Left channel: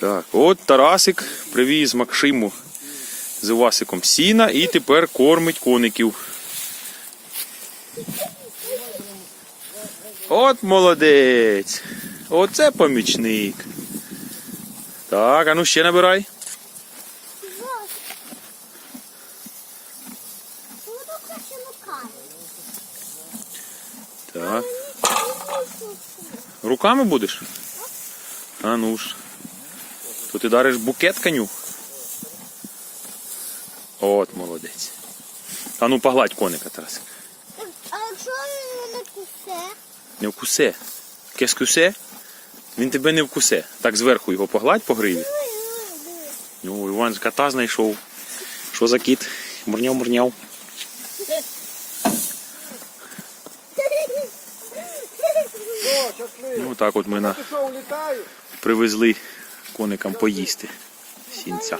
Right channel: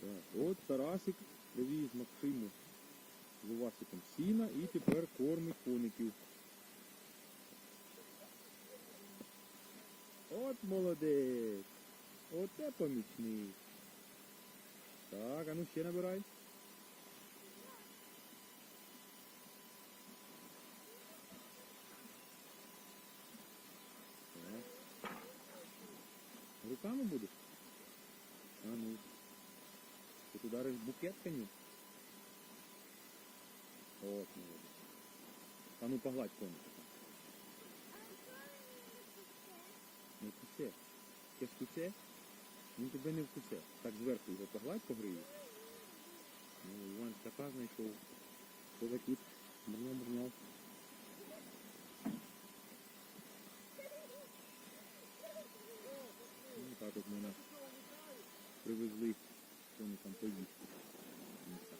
Так, от Тарасик привіз Максиму з Івасиком сіна і тепер кормить коників. От молодець. Оце помічник. Так, а ну ще набирай. Так. Руками будеш? А ну ж. То ти дариш букет коню. От молодець. А ну погладь коника, Тарасик. А якщо він не кусе? Не вкусе. Кескусе? Він тебе не вкусе. Так зверху його погладь по гриві. Ну, Іван кота знайшов. Що за кіт? Мурняв, мурняв. Ну так от ми на... Привезли коникам поїсти. Сінця.